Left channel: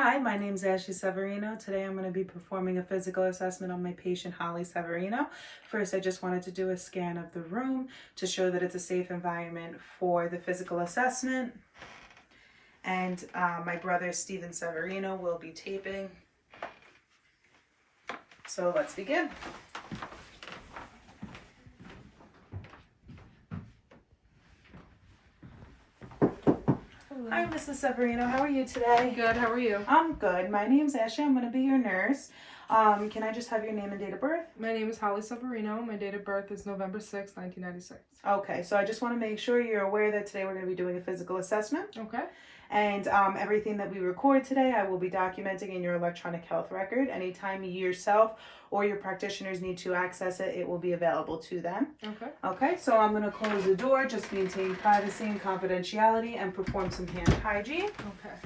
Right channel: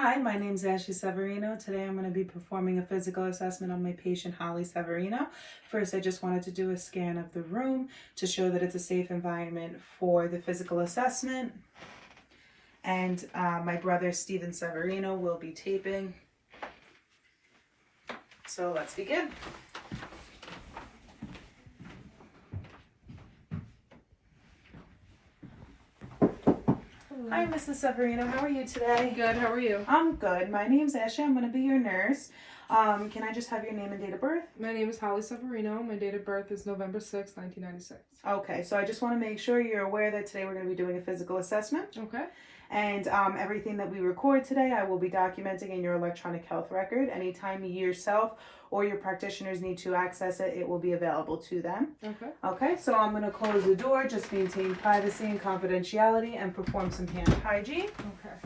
Hi, my name is Ashley Severino. Today I'm going to be performing a physical assessment on my patient Holly Severino. First, I just wanted to do a scan of the room to show that it's a safe environment for the physical assessment. And my brother Steven Severino will be taping. So let's begin. Hi, Mrs. Severino. How are you today? Good. How are you? I'm good. My name's Ashley. I'm going to be your nurse. Can I just have your name and date of birth? My name is Holly Severino. My date of birth is November 6, 1996. Okay, so I just want to make sure you're aware that today we're going to be doing a physical assessment. Okay. And everything that we record today, I will be documenting in your electronic health record. Anytime you yourself or your practitioners need to access it, it will be available to them. Okay. Okay, so I'm going to close the door, just maintain privacy and confidentiality, and perform some hand hygiene. Okay.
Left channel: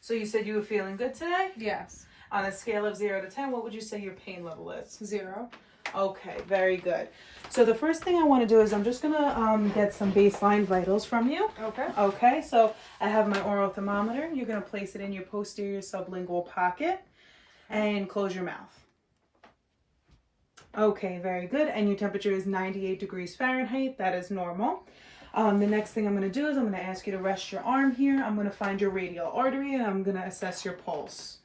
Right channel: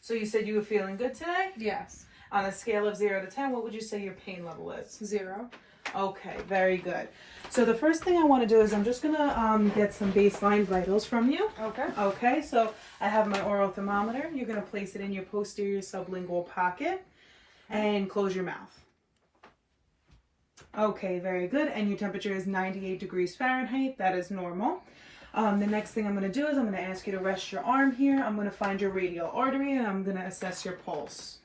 So you said you were feeling good today? Yes. On a scale of 0 to 10, what would you say your pain level is? 0. Okay, very good. So the first thing I want to do is I'm just going to get some baseline vitals from you. Okay. Okay, so I have my oral thermometer. You're going to place it in your posterior sublingual pocket and close your mouth. Okay, very good. And your temperature is 98 degrees Fahrenheit. That is normal. The next thing I'm going to do is I'm going to ask you to rest your arm here. I'm going to find your radial artery and I'm going to assess your pulse.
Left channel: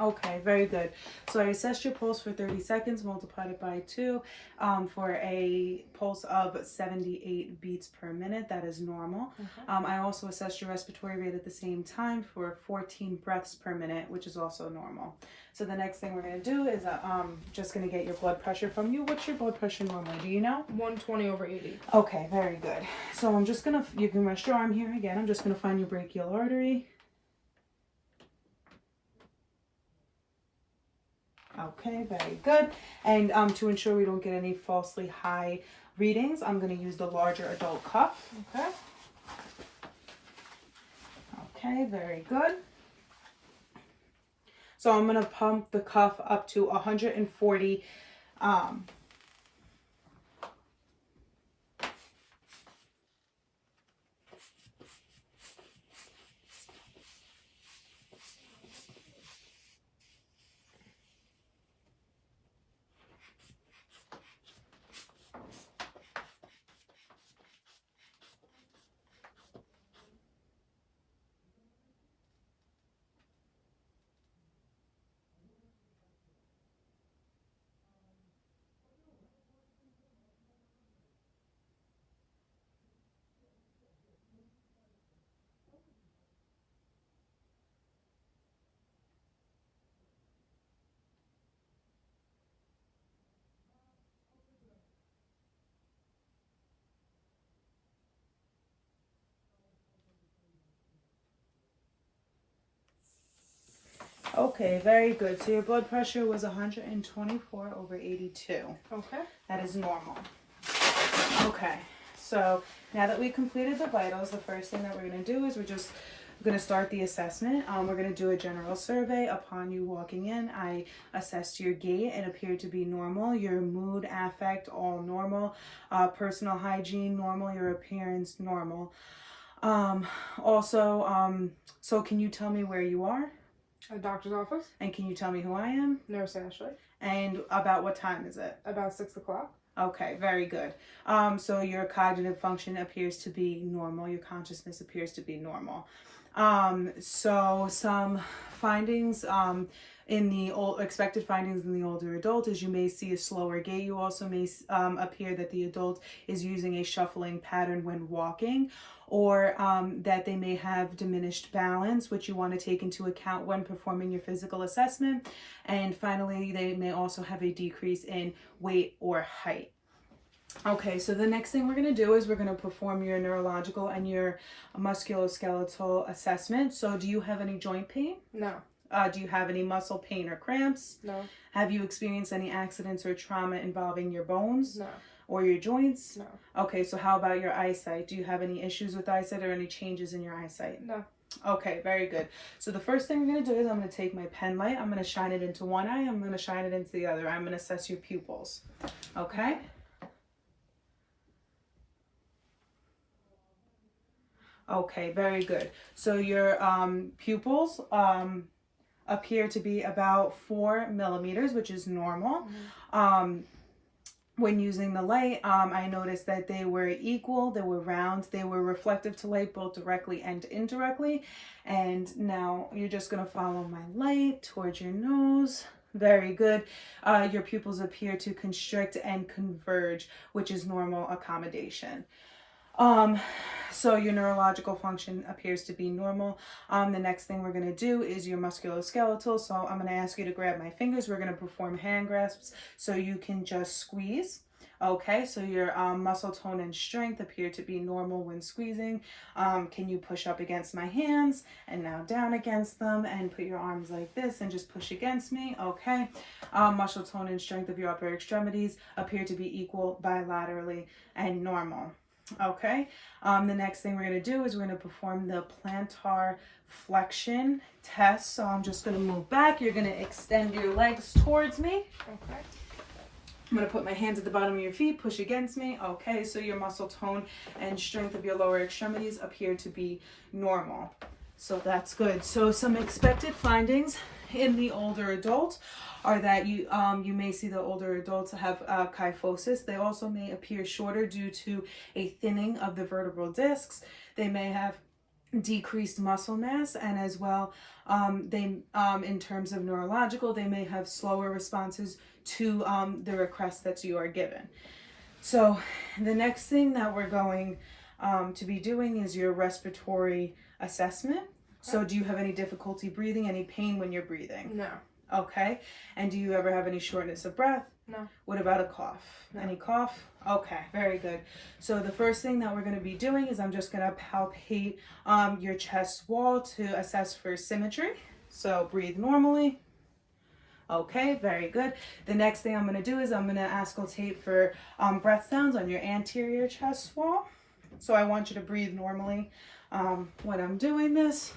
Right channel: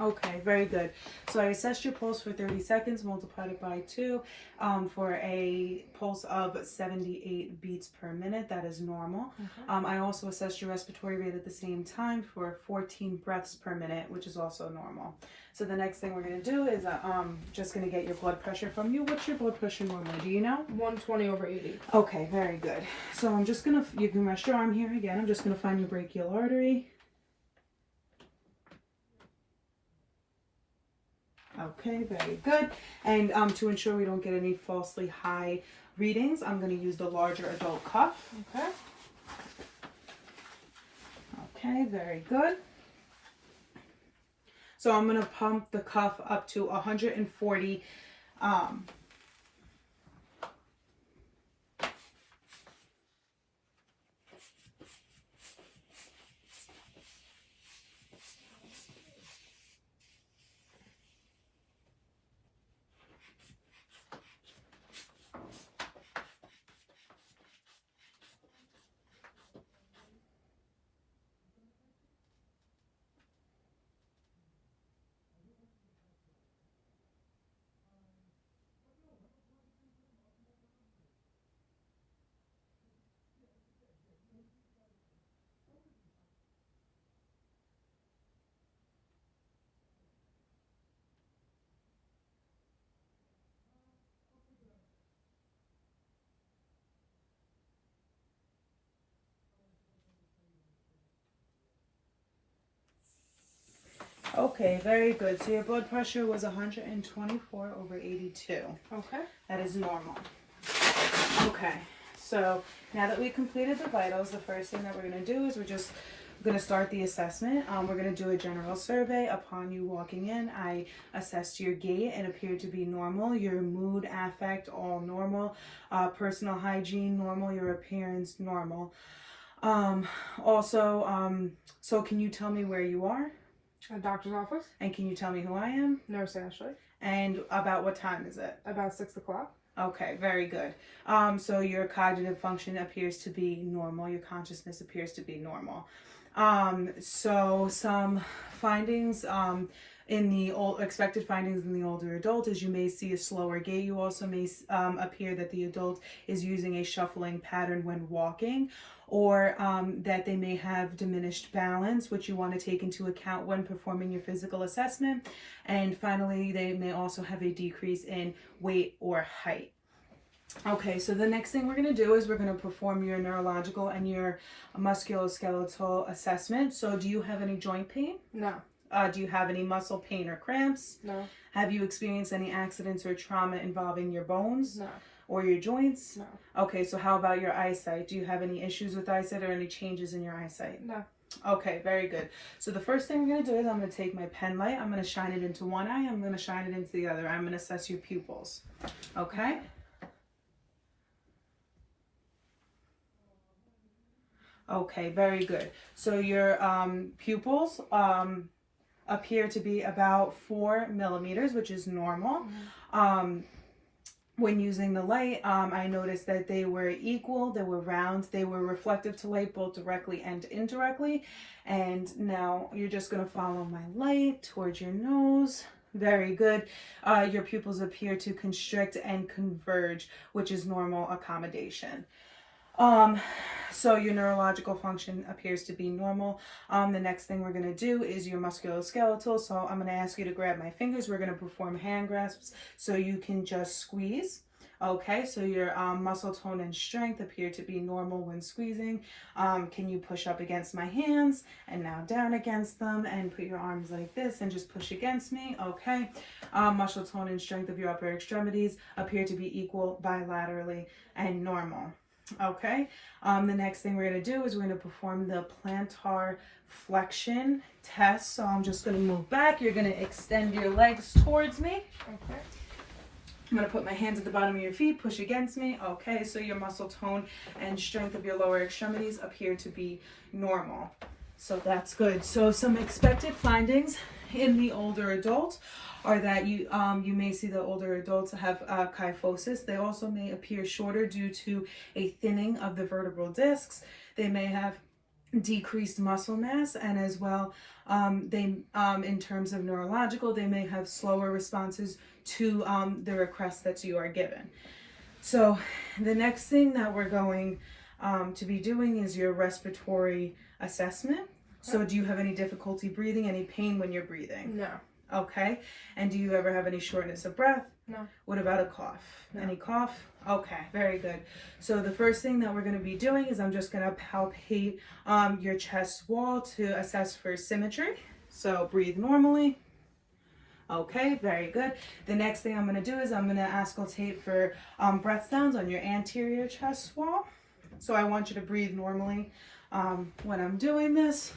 Okay, very good. So I assessed your pulse for 30 seconds, multiplied it by 2 for a pulse of 78 beats per minute. That is normal. Okay. I also assessed your respiratory rate at the same time for 14 breaths per minute, which is also normal. So the next thing we're going to do is just going to get your blood pressure from you. What's your blood pressure normally? Do you know? 120/80. Okay, very good. So I'm just going to, you can rest your arm here again. I'm just going to find your brachial artery. Okay, very good. And to ensure we don't get any falsely high readings, I'm going to use the larger adult cuff. Okay. Okay, very good. So I'm going to pump the cuff up to 140. Okay, very good. So your blood pressure was 124/82. Okay. That is normal. Okay, so now that we completed the vitals, the first thing that we're going to do is we're going to start the assessment. We're going to do a general survey. Upon you walking in, I assessed your gait. It appeared to be normal. Your mood, affect, all normal. Personal hygiene, normal. Your appearance, normal. So can you tell me where you are? A doctor's office. And can you tell me who I am? Nurse Ashley. And about what time is it? About 6 o'clock. Okay, very good. So your cognitive function appears to be normal. Your consciousness appears to be normal. So some findings in the expected findings in the older adult is you may see a slower gait. You also may appear that the adult is using a shuffling pattern when walking, or that they may have diminished balance, which you want to take into account when performing your physical assessment. And finally, they may also have a decrease in weight or height. Okay, so the next thing we're going to do is we're going to perform your neurological and your musculoskeletal assessment. So do you have any joint pain? No. Do you have any muscle pain or cramps? No. Have you experienced any accidents or trauma involving your bones? No. Or your joints? No. Okay, so how about your eyesight? Do you have any issues with eyesight or any changes in your eyesight? No. Okay, very good. So the first thing I'm going to do is I'm going to take my pen light. I'm going to shine it into one eye. I'm going to shine it into the other. I'm going to assess your pupils. Okay? Okay, very good. So your pupils appear to be about 4 millimeters, which is normal. When using the light, I noticed that they were equal, they were round, they were reflective to light both directly and indirectly. And now you're just going to follow my light towards your nose. Very good. Your pupils appear to constrict and converge, which is normal accommodation. So your neurological function appears to be normal. The next thing we're going to do is your musculoskeletal. So I'm going to ask you to grab my fingers. We're going to perform hand grasps so you can just squeeze. Okay, so your muscle tone and strength appear to be normal when squeezing. Can you push up against my hands and now down against them and put your arms like this and just push against me? Okay. Muscle tone and strength of your upper extremities appear to be equal bilaterally and normal. Okay, the next thing we're going to do is we're going to perform the plantar flexion test. So I'm just going to move back. You're going to extend your legs towards me. Okay. I'm going to put my hands at the bottom of your feet, push against me. Okay, so your muscle tone and strength of your lower extremities appear to be normal. So that's good. So some expected findings in the older adult are that you may see the older adults have kyphosis. They also may appear shorter due to a thinning of the vertebral discs. They may have decreased muscle mass, and as well, in terms of neurological, they may have slower responses to the requests that you are given. So the next thing that we're going to be doing is your respiratory assessment. So do you have any difficulty breathing, any pain when you're breathing? No. Okay. And do you ever have any shortness of breath? No. What about a cough? No. Any cough? Okay, very good. So the first thing that we're going to be doing is I'm just going to palpate your chest wall to assess for symmetry. So breathe normally. Okay, very good. The next thing I'm going to do is I'm going to auscultate for breath sounds on your anterior chest wall. So I want you to breathe normally when I'm doing this.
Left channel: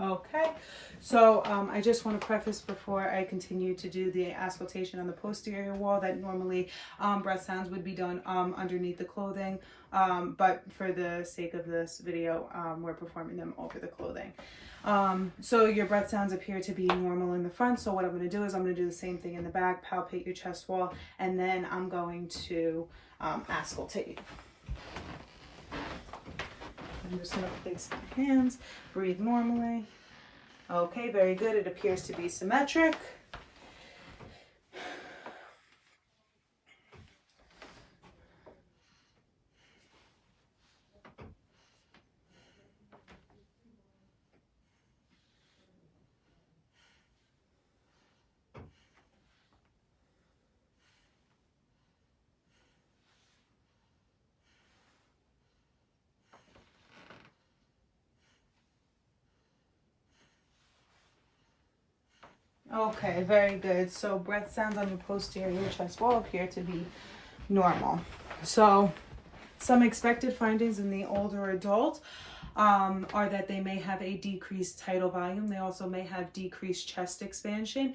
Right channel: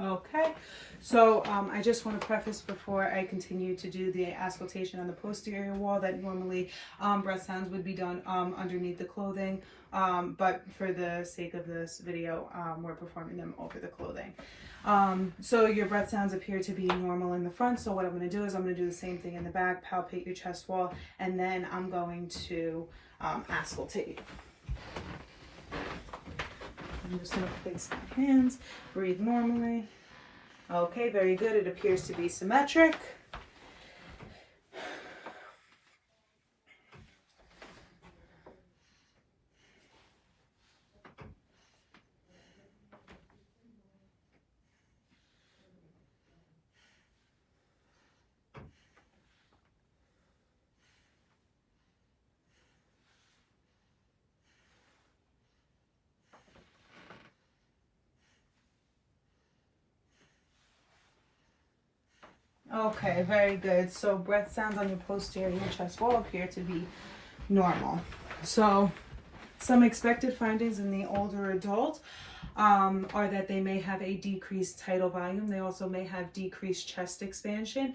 Okay, so I just want to preface before I continue to do the auscultation on the posterior wall that normally breath sounds would be done underneath the clothing, but for the sake of this video, we're performing them over the clothing. So your breath sounds appear to be normal in the front, so what I'm going to do is I'm going to do the same thing in the back, palpate your chest wall, and then I'm going to auscultate. I'm just going to place my hands, breathe normally. Okay, very good. It appears to be symmetric. Okay, very good. So breath sounds on your posterior chest wall appear to be normal. So Some expected findings in the older adult are that they may have a decreased tidal volume. They also may have decreased chest expansion.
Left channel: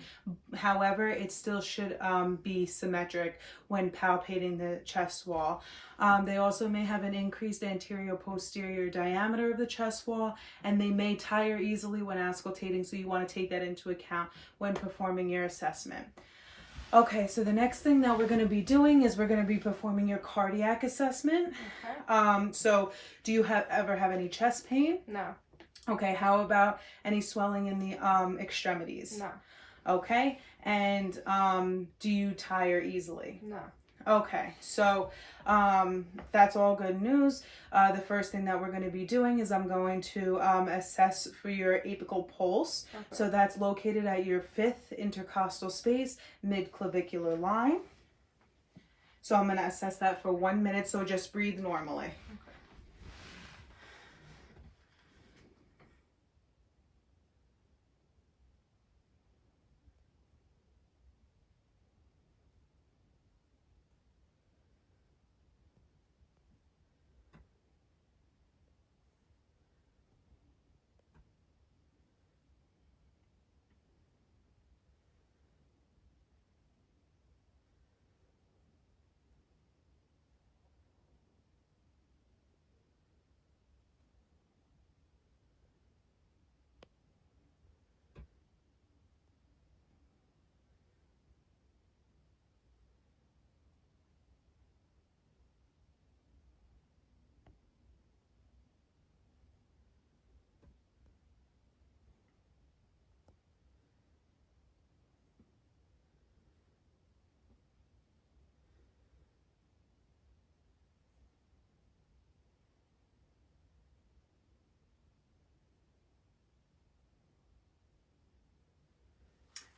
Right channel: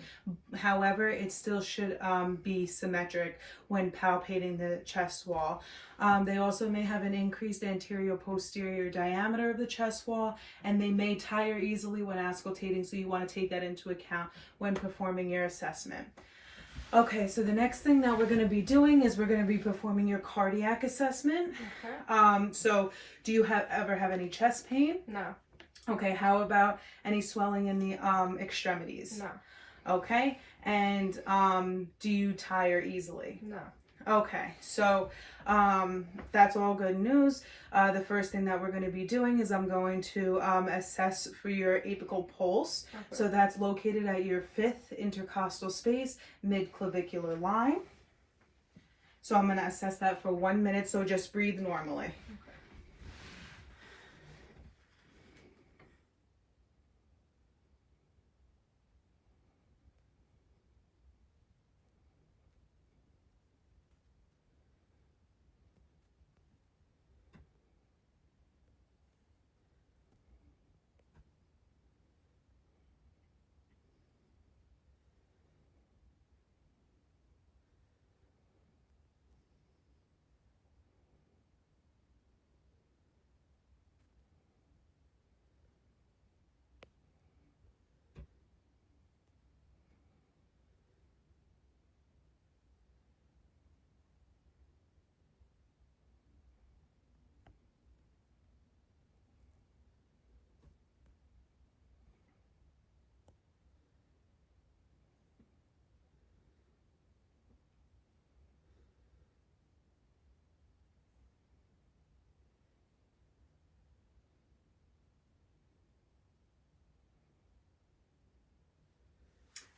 However, it still should be symmetric when palpating the chest wall. They also may have an increased anterior-posterior diameter of the chest wall, and they may tire easily when auscultating, so you want to take that into account when performing your assessment. Okay, so the next thing that we're going to be doing is we're going to be performing your cardiac assessment. Okay. So do you ever have any chest pain? No. Okay, how about any swelling in the extremities? No. Okay, and do you tire easily? No. Okay, so that's all good news. The first thing that we're going to be doing is I'm going to assess for your apical pulse. Okay. So that's located at your 5th intercostal space, mid-clavicular line. So I'm going to assess that for 1 minute, so just breathe normally.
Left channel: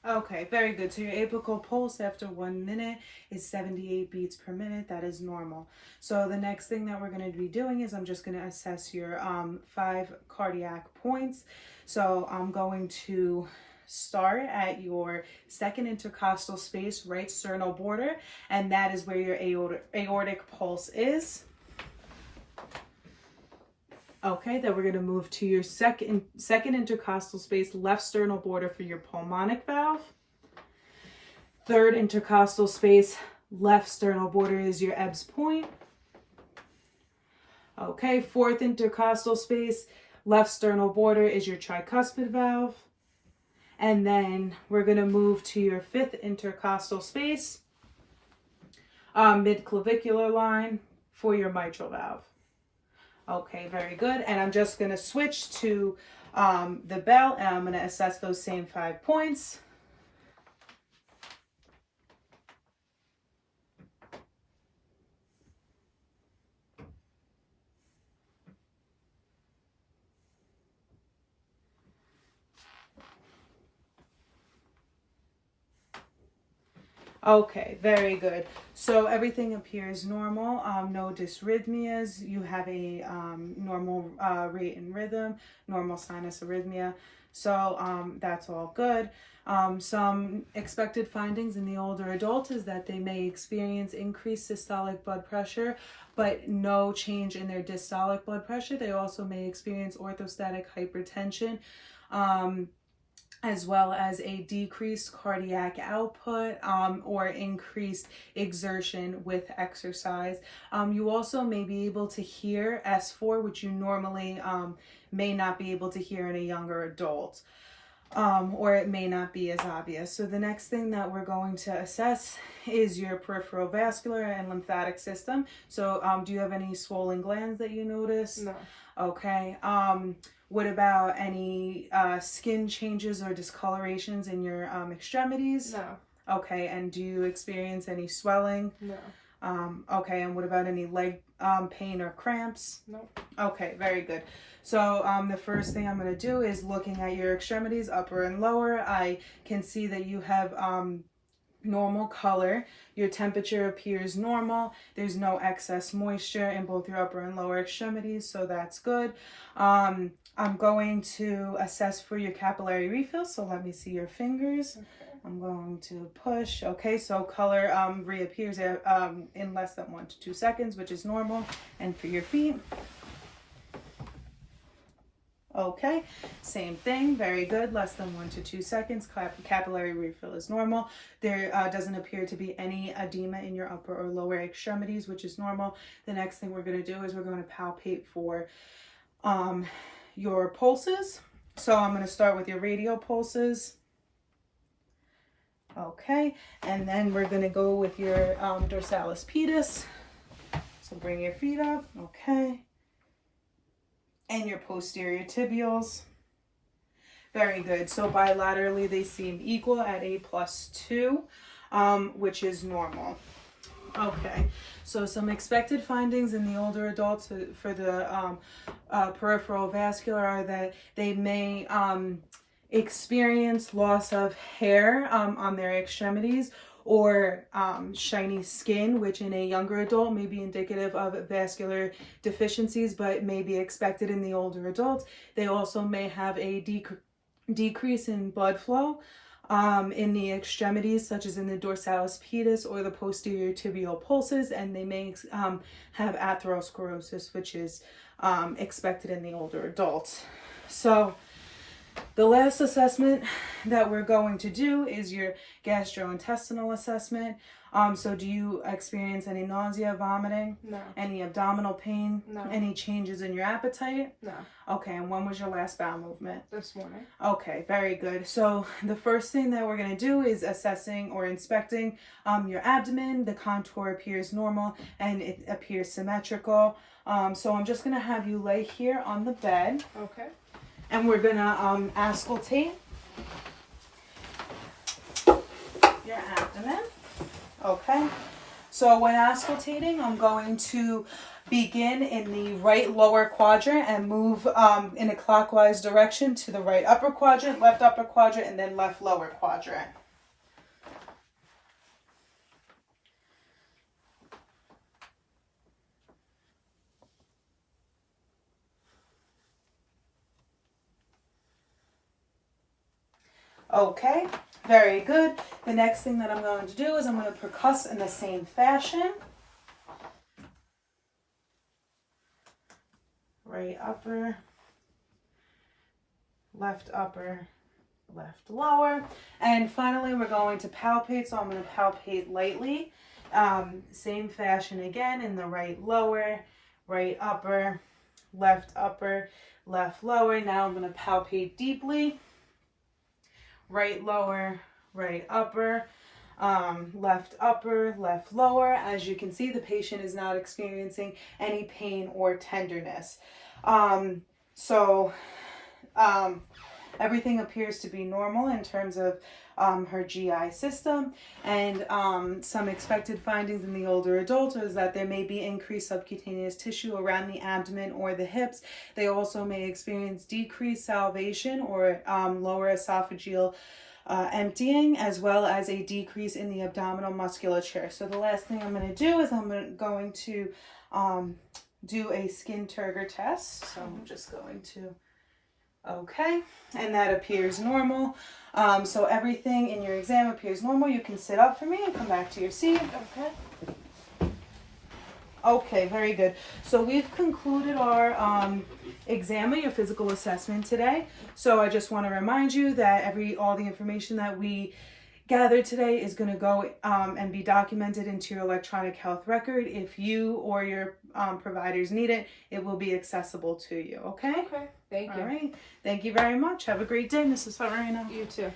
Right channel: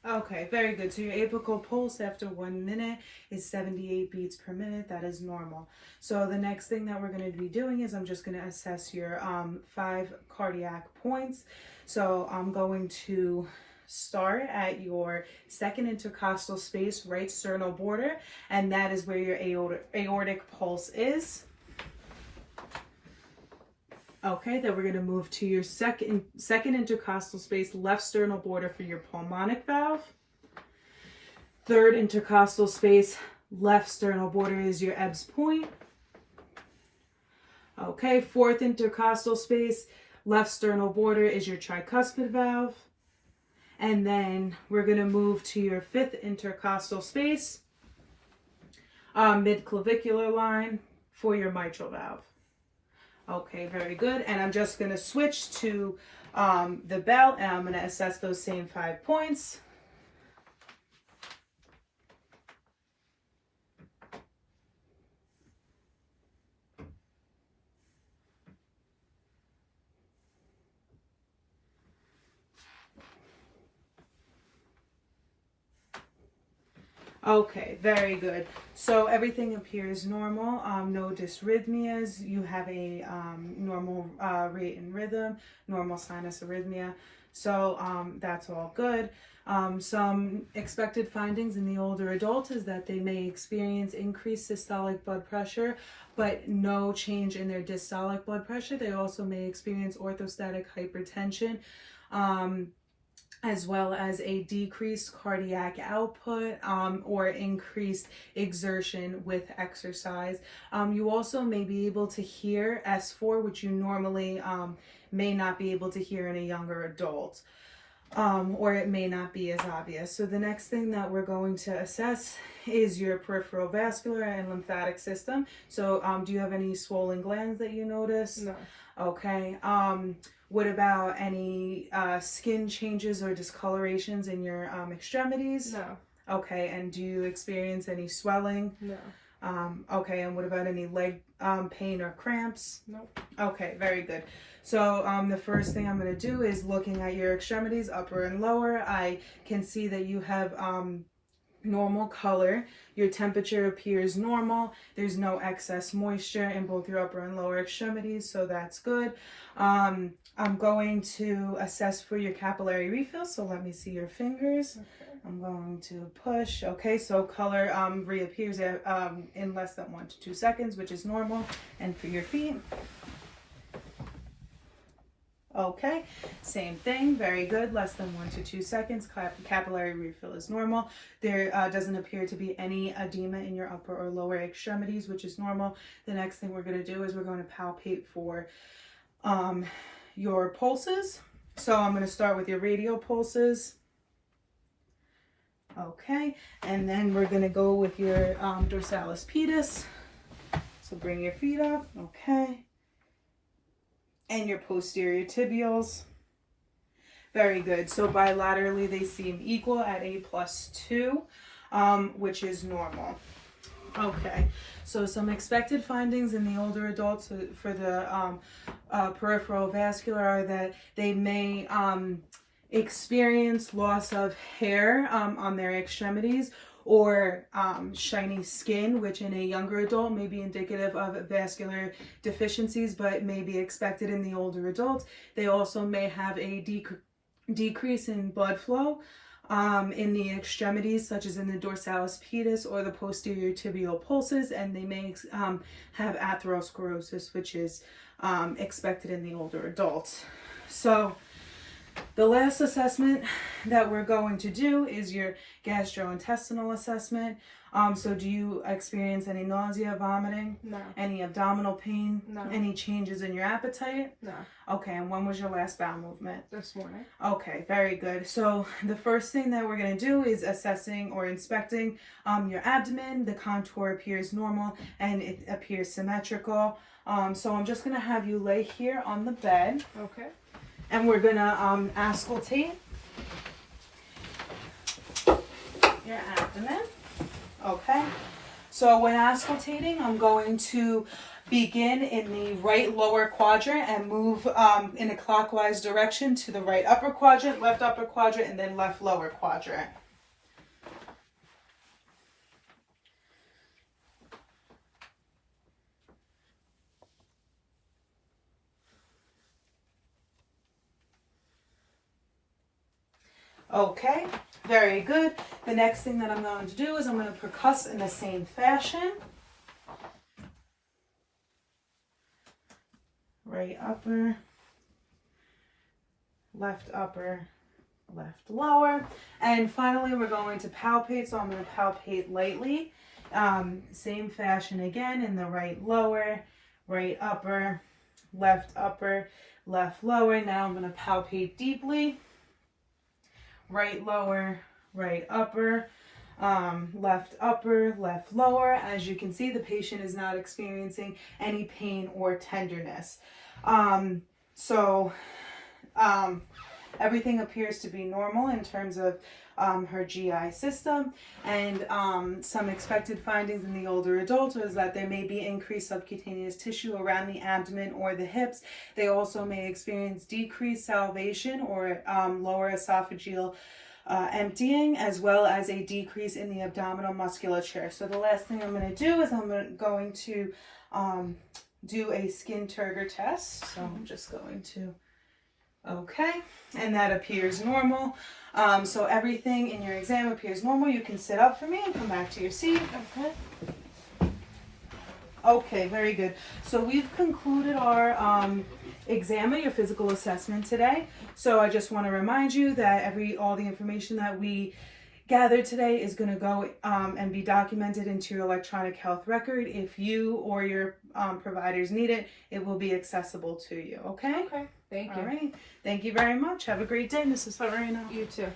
Okay, very good. So your apical pulse after 1 minute is 78 beats per minute. That is normal. So the next thing that we're going to be doing is I'm just going to assess your 5 cardiac points. So I'm going to start at your 2nd intercostal space, right sternal border, and that is where your aortic pulse is. Okay, then we're going to move to your second intercostal space, left sternal border for your pulmonic valve. 3rd intercostal space, left sternal border is your Ebbs point. Okay, 4th intercostal space, left sternal border is your tricuspid valve. And then we're going to move to your 5th intercostal space, mid-clavicular line for your mitral valve. Okay, very good. And I'm just going to switch to the bell, and I'm going to assess those same 5 points. Okay, very good. So everything appears normal, no dysrhythmias. You have a normal rate and rhythm, normal sinus arrhythmia. So that's all good. Some expected findings in the older adult is that they may experience increased systolic blood pressure, but no change in their diastolic blood pressure. They also may experience orthostatic hypertension, as well as a decreased cardiac output or increased exertion with exercise. You also may be able to hear S4, which you normally may not be able to hear in a younger adult, or it may not be as obvious. So the next thing that we're going to assess is your peripheral vascular and lymphatic system. So do you have any swollen glands that you notice? No. Okay. What about any skin changes or discolorations in your extremities? No. Okay, and do you experience any swelling? No. Okay, and what about any leg pain or cramps? Nope. Okay, very good. So the first thing I'm going to do is looking at your extremities, upper and lower. I can see that you have normal color. Your temperature appears normal. There's no excess moisture in both your upper and lower extremities, so that's good. I'm going to assess for your capillary refill, so let me see your fingers. I'm going to push. Okay, so color reappears in less than 1 to 2 seconds, which is normal. And for your feet. Okay, same thing, very good, less than 1 to 2 seconds. Capillary refill is normal. There doesn't appear to be any edema in your upper or lower extremities, which is normal. The next thing we're going to do is we're going to palpate for your pulses. So I'm going to start with your radial pulses. Okay, and then we're going to go with your dorsalis pedis. So bring your feet up, okay. And your posterior tibials. Very good. So bilaterally they seem equal at a +2, which is normal. Okay, so some expected findings in the older adults for the peripheral vascular are that they may experience loss of hair on their extremities, or shiny skin, which in a younger adult may be indicative of vascular deficiencies, but may be expected in the older adults. They also may have a decrease in blood flow in the extremities, such as in the dorsalis pedis or the posterior tibial pulses, and they may have atherosclerosis, which is expected in the older adults. So the last assessment that we're going to do is your gastrointestinal assessment. So do you experience any nausea, vomiting? No. Any abdominal pain? No. Any changes in your appetite? No. Okay, and when was your last bowel movement? This morning. Okay, very good. So the first thing that we're going to do is assessing or inspecting your abdomen. The contour appears normal and it appears symmetrical. So I'm just going to have you lay here on the bed. Okay. And we're gonna auscultate your abdomen. Okay. So when auscultating, I'm going to begin in the right lower quadrant and move in a clockwise direction to the right upper quadrant, left upper quadrant, and then left lower quadrant. Okay, very good. The next thing that I'm going to do is I'm going to percuss in the same fashion. Right upper, left upper, left lower. And finally, we're going to palpate. So I'm going to palpate lightly. Same fashion again in the right lower, right upper, left lower. Now I'm going to palpate deeply. Right lower, right upper, left lower. As you can see, the patient is not experiencing any pain or tenderness. Everything appears to be normal in terms of her GI system, and some expected findings in the older adults is that there may be increased subcutaneous tissue around the abdomen or the hips. They also may experience decreased salivation or lower esophageal emptying, as well as a decrease in the abdominal musculature. So the last thing I'm going to do is I'm going to do a skin turgor test. So I'm just going to, okay, and that appears normal. So everything in your exam appears normal. You can sit up for me and come back to your seat. Okay. Okay, very good. So we've concluded our exam, your physical assessment today. So I just want to remind you that all the information that we gathered today is going to go and be documented into your electronic health record. If you or your providers need it, it will be accessible to you. Okay? Okay. Thank you. All right. Thank you very much. Have a great day, Mrs. Severino. You too.